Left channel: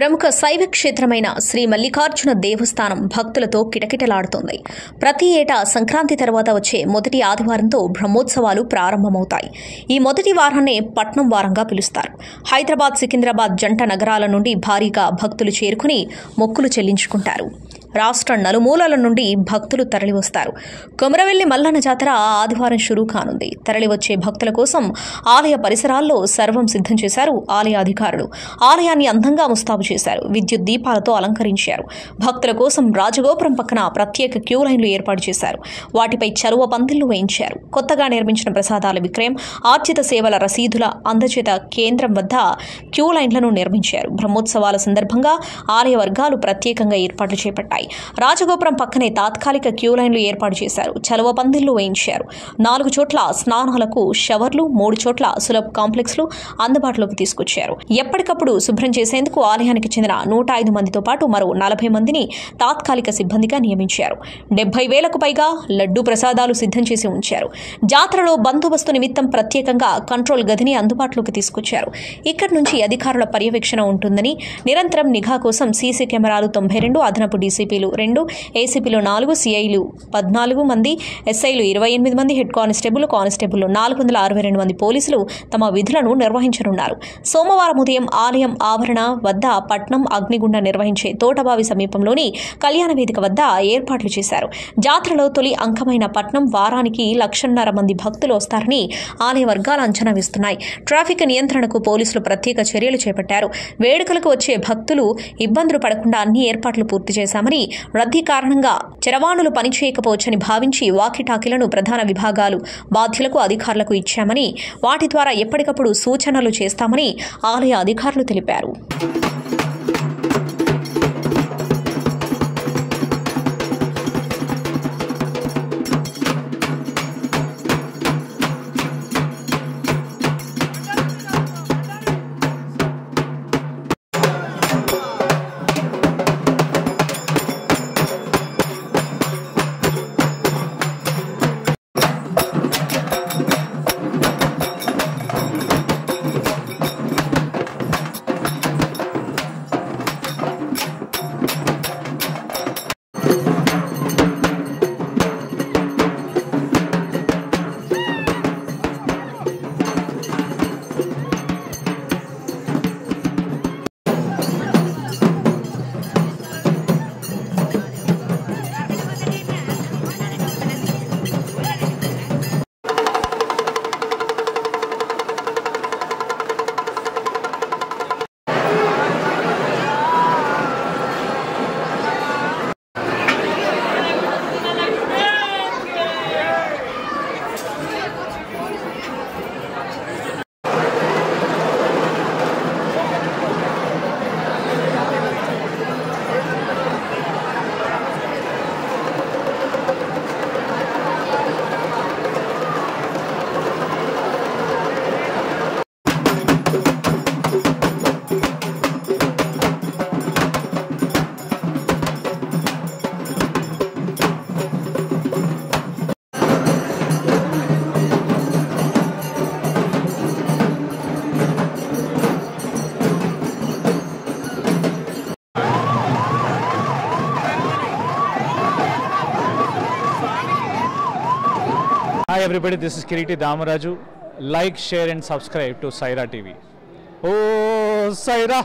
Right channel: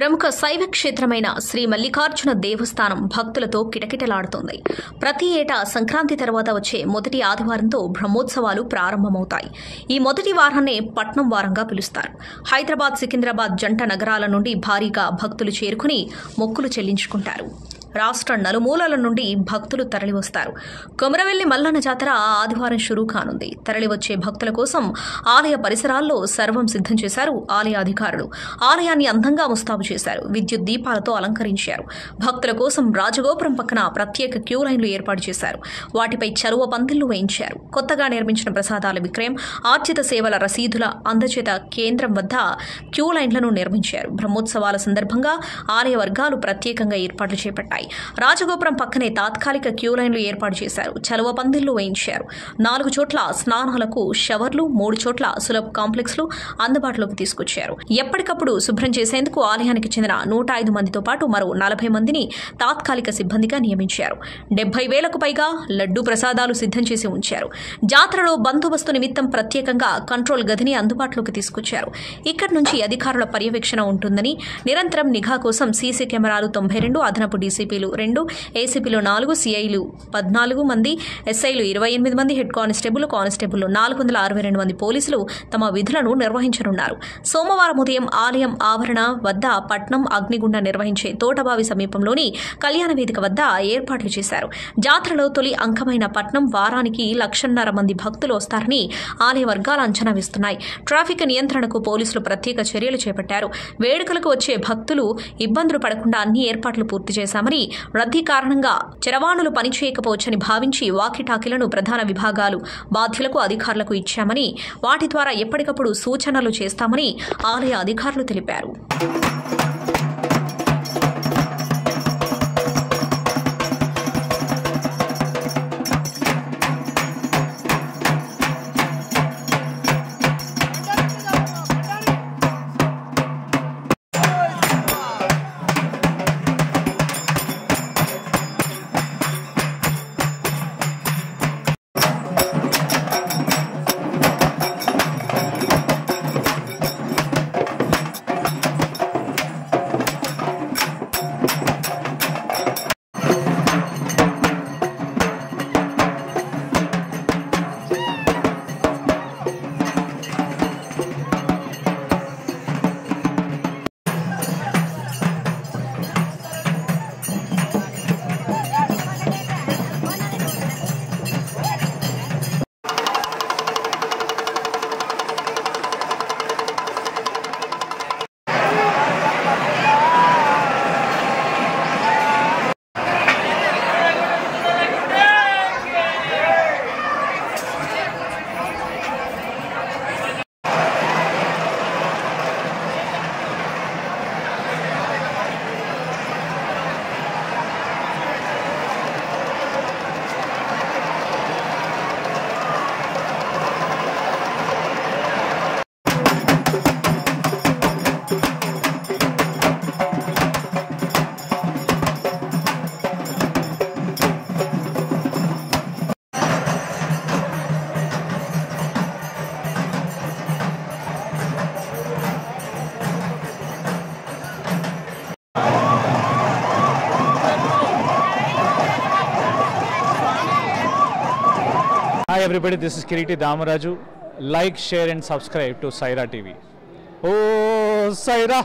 ప్రముఖ శైవ క్షేత్రమైన శ్రీ మల్లికార్జున దేవస్థానం భక్తులతో కిటకిటలాడుతోంది. ప్రతి ఏటా సంక్రాంతి తర్వాత వచ్చే మొదటి ఆదివారంతో బ్రహ్మోత్సవాలు ప్రారంభమవుతాయి. ఈ మొదటి వారాన్నే పట్నం వారంగా పిలుస్తారు. హైదరాబాద్, సికింద్రాబాద్ జంట నగరాల నుండి భారీగా భక్తులు చేరుకుని మొక్కులు చెల్లించుకుంటారు. రాష్ట్ర నలుమూలల నుండి భక్తులు తరలివస్తారు. కొమరవెల్లి మల్లన్న జాతర ఆదివారం షురూ కానుంది. తరలివచ్చే భక్తుల కోసం ఆలయ పరిసరాల్లో సర్వం సిద్ధం చేశారు ఆలయ అధికారులు. ఆలయాన్ని అందంగా ముస్తాబు చేశారు. విద్యుత్ దీపాలతో అలంకరించారు. భక్తుల కోసం రాజగోపురం పక్కన ప్రత్యేక క్యూ లైన్లు ఏర్పాటు చేశారు. వాటిపై చలువ పందిళ్లు వేయించారు. కొత్తగా నిర్మించిన ప్రసాదాల విక్రయం, ఆర్జిత సేవల రసీదుల అందచేత కేంద్రం వద్ద క్యూ లైన్లను నిర్మించారు. బ్రహ్మోత్సవాల సందర్భంగా ఆలయ వర్గాలు ప్రత్యేకంగా ఏర్పాట్లు చేపట్టాయి. రాజగోపురం పక్కనే తాత్కాలిక క్యూ లైన్లు ఏర్పాటు చేశారు. చలువ పందిళ్లు వేయించారు. 4 చోట్ల స్నానాలకు షవర్లు, 3 చోట్ల సులభ కాంప్లెక్స్లు అందుబాటులోకి తీసుకొచ్చారు. ఎప్పటికప్పుడు శుభ్రం చేసేందుకు ఆలయానికి చెందిన 105 మందితో పాటు మరో 40 మందిని తాత్కాలిక సిబ్బందిగా నియమించారు. 70,000కు పైగా లడ్డూ ప్రసాదాలు సిద్ధం చేసి ఉంచారు. జాతరలో బందోబస్తు నిమిత్తం ప్రత్యేకంగా కంట్రోల్ గదిని అందుబాటులోకి తీసుకొచ్చారు. ఇక్కడి నుంచి అధికారుల పర్యవేక్షణ ఉంటుందని, నిరంతరం నిఘా కోసం సీసీ కెమెరాలు 92, అదనపు డీసీపీలు 2, ఏసీపీలు 4, సీఐలు 14 మంది, ఎస్ఐలు 28 మంది, హెడ్ కానిస్టేబుల్ 462 మంది పోలీసులు తమ విధులను నిర్వహించనున్నారు. సోమవారం ఉదయం ఆలయం ఆవరణ వద్ద పట్నం అగ్నిగుండ నిర్వహించే తోటబావి సమీపంలోని కళ్యాణ వేదిక వద్ద ఏర్పాట్లు చేశారు. జాతరలో తొలి అంకమైన పట్నం వారానికి 1,50,000 మంది భక్తులు వస్తారని ఆలయ వర్గాలు అంచనా వేస్తున్నాయి. ట్రాఫిక్ నియంత్రణకు పోలీసులు ప్రత్యేక చర్యలు చేపట్టారు. వేడుకలకు వచ్చే భక్తులు ఇబ్బందులు పడకుండా అన్ని ఏర్పాట్లు పూర్తి చేశామని, రద్దీ కారణంగా చరవాణులు పనిచేయకపోవచ్చని భావించి వాకీటాకీలను ప్రధాన విభాగాలు బాధ్యులకు అధికారులకు ఇచ్చామని, వాటి ద్వారా ఎప్పటికప్పుడు సూచనలు చేస్తామని ఆలయ అధికారులు తెలిపారు. Hi everybody, this is Kiriti Damaraju. Like, share and subscribe to Saira TV. Oh, Saira!